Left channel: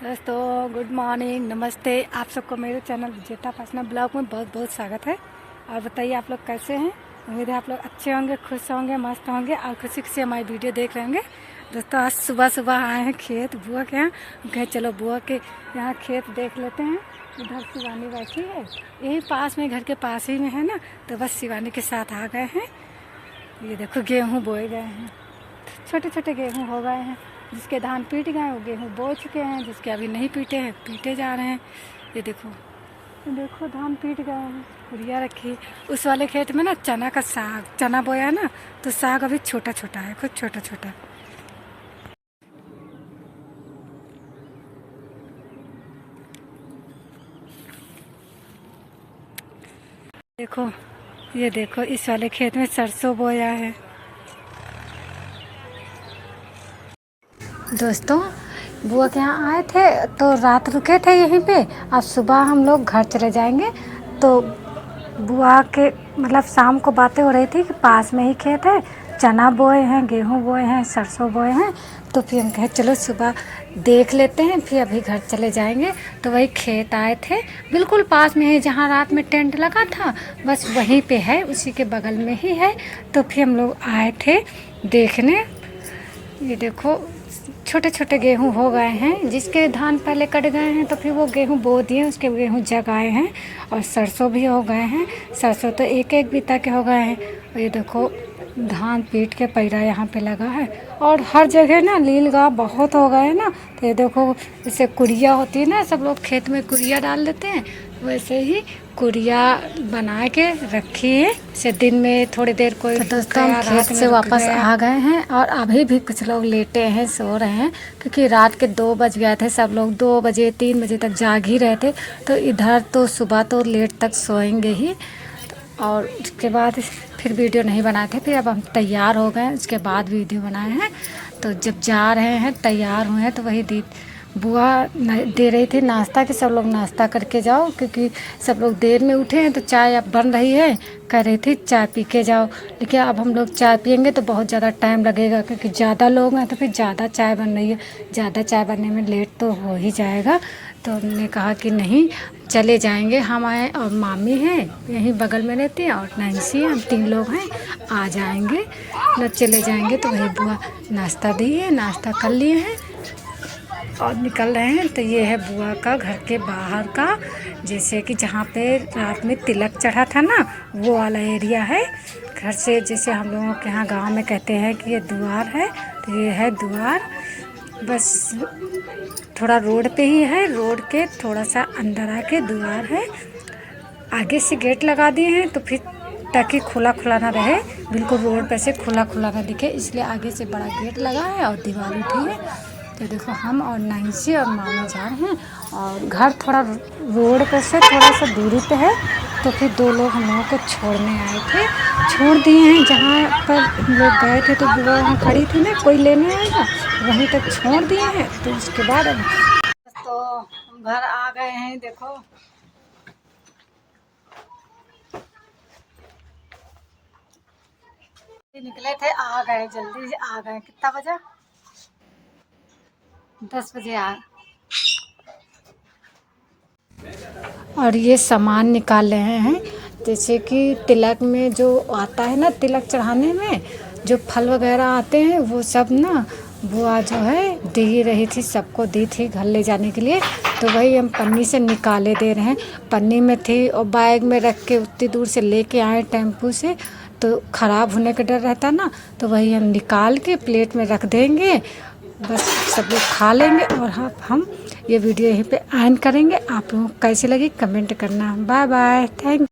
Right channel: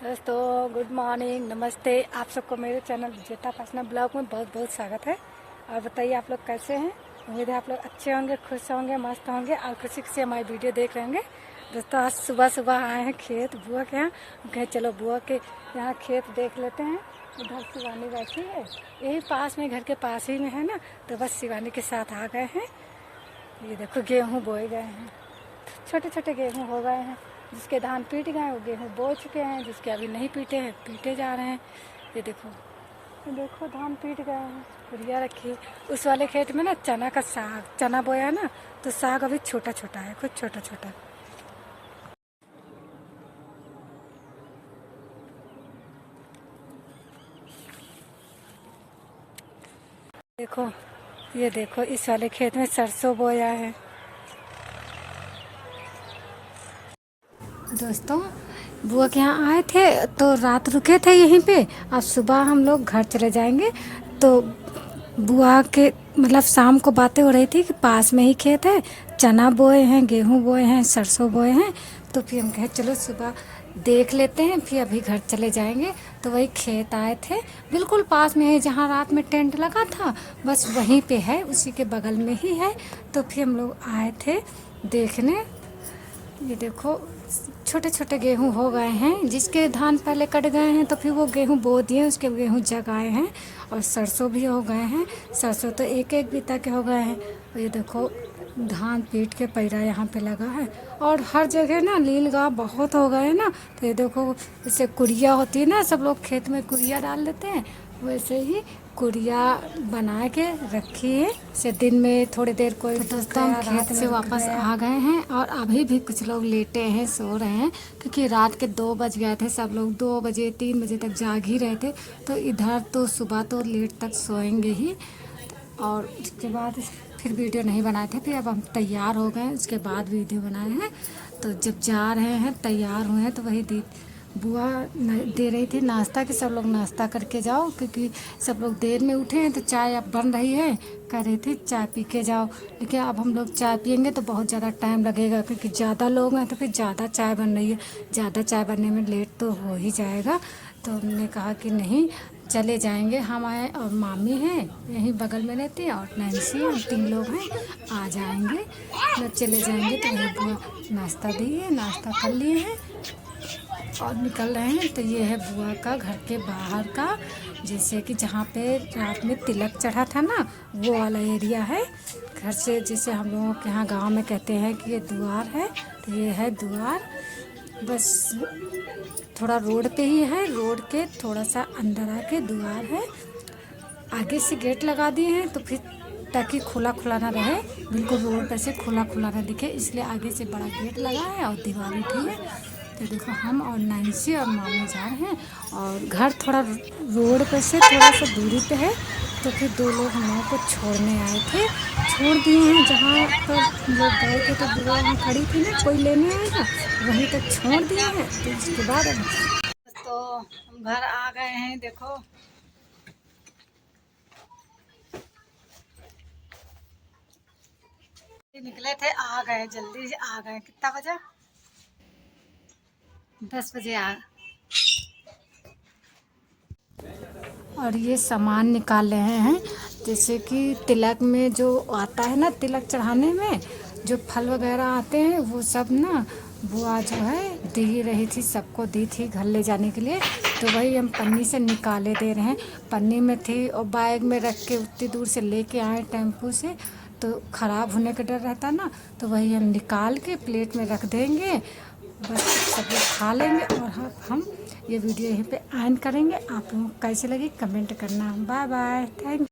दोस्तों good morning, नमस्ते। आप सबको मेरे चैनल विजेता पासना ब्लॉग में बहुत बहुत स्वागत है। और बताइए आप लोग कैसे हैं। उम्मीद है आप लोग अच्छे होंगे, खुश होंगे, मस्त होंगे और खुशी से हमारी वीडियो देख रहे होंगे। दोस्तों आज सुबह सुबह आए हैं खेत बुआ के यहाँ। कहे चलो बुआ के यहाँ खेत देख लेते हैं। इधर शिवानी बैठी है, यही पास में, घर के पास ही में है ना, तो बस शिवानी के साथ आ गए हैं। ये देखो गेहूँ बोए गए हैं, छोटे छोटे गेहूँ हो गए हैं। जिसके धान पीट गए वो गेहूँ बो चुके हैं, जिसके अभी नहीं पीटे हैं पीटे जा रहे हैं। ये देखो धान पीट गए हैं, कुरिया रखी। उस वाले खेत में ना चना का साग, चना बोया ना, तो साग अभी छोटा छोटा है, खुद छोटा छोटा। ये देखो इस वाले खेत में सरसों बोया है। दोस्तों बुआ के यहाँ आए थे तो रात रुके थे यहीं पे। अब सुबह हम लोग घर चले जाएंगे। तो बुआ के मतलब शाम को बातें हो रही थी कि पास में ही खेत है, चना बोए हैं, गेहूं बोए हैं, सरसों बोए हैं। तो फिर हम कहे चलो सुबह देख लेते हैं, फिर अभी घर चले जाएंगे। तो वही खेत आए थे, बिल्कुल पास में ही, जहाँ रात में टेंट लगा था बस वहीं पे है, उसी के बगल में ही है। तो फिर हम लोग आए थे देखने। ये देखो छोटे छोटे गेहूं हो गए हैं, जिसके धान पहले कट गए हैं तो फिर वो गेहूं बो दिए, उसके गेहूं जग आए हैं। और सरसों भी हो गए हैं, सरसों तो एक एक बिता के हो गए हैं। और ये देखो धान पीट के पैरा यहाँ पे लगा है। और हर जगह ना नील गाँव बहुत हो गए हैं ना। तो ये देखो जैसे कुरिया होती है ना, सब लोग खेत में कुरिया डाल देते हैं, वैसे ही कुरिया बना के रखी है। से दिन में थोड़ी देर कोई। तो दोस्तों हम खेत से वापस आ गए हैं और अभी भी कुछ लोग लेटे हैं, सो रहे हैं, क्योंकि रात के 2 बज गए थे। सब लोग 2 बजे 3 बजे तक जाग ही रहे थे। तो इधर तो सुबह तो लेट तक सोएंगे ही। और उसके बाद फिर वीडियो नहीं बनाए थे, फिर अब हम तैयार हो गए, उसके बाद वीडियो बनाए हैं। तो जब जा रहे हैं तैयार हुए हैं तो वही बुआ दे रही थी नाश्ता, कि सब लोग नाश्ता करके जाओ, क्योंकि सब लोग देर में उठे हैं। तो चाय अब बन रही है, कह रही थी चाय पी के जाओ। लेकिन अब हम लोग चाय पियेंगे तो बहुत ज़्यादा टाइम लगेगा, क्योंकि ज़्यादा लोग हैं तो फिर ज़्यादा चाय बन रही है, ज़्यादा चाय बनने में लेट तो हो ही जाएगा। तो हमने कहा कि नहीं चले जाएंगे। हम आए और मामी हैं यहीं बगल में रहती हैं, और नैन्सी, हम 3 लोग हैं, आ जाएंगे मतलब चले जाएंगे। तो वही बुआ नाश्ता दी है, नाश्ता कर लिए हैं और निकल रहे हैं। तो ये है बुआ का घर के बाहर का, जैसे कि जहाँ पे रात में तिलक चढ़ा था ना, वो वाला एरिया है। घर से जैसे हम लोगों के यहाँ गांव में कहते हैं कि ये द्वार है, तो ये है द्वार। बस थोड़ा रोड पे ही है, रोड के थोड़ा सा अंदर आके द्वार है। आगे से गेट लगा दिए हैं तो फिर ताकि खुला खुला ना रहे, बिल्कुल रोड पे से खुला खुला ना दिखे, इसलिए आगे से बड़ा गेट लगा है और दीवार उठी है। तो देखो हम और नैन्सी और मामी जा रहे हैं। और घर थोड़ा रोड पर से थोड़ा सा दूरी पे है। तो फिर 2 लोग हम लोगों को छोड़ने आए थे, छोड़ दिए हैं। जहाँ पर हम लोग गए थे तो बुआ वहाँ खड़ी थी ना, कोई लेने आएगा, वहीं तक छोड़ दिए हैं। तो उसके बाद तो हम घर आ गए हैं। देखो निकले थे, आ गए, जल्दी आ गए। कितना बजा? 10 बजे आ। और ये सामान निकाल रहे हैं, जैसे कि तिलक में जो आता है ना, तिलक चढ़ाने में जो फल वगैरह आते हैं, वो सब ना बुआ जो है दे ही रही थी, सबको दी थी घर ले जाने के लिए। तो वही हम पन्नी से निकाले दे रहे हैं। पन्नी में थी और बैग में रख के उतनी दूर से लेके आए टेम्पू से, तो ख़राब होने का डर रहता ना। तो वही हम निकाल के प्लेट में रख देंगे, बस सब लोग खा लेंगे। और हाँ, हम ये वीडियो यहीं पे एंड करेंगे। आप लोगों को कैसे लगी कमेंट करना। Bye bye, thank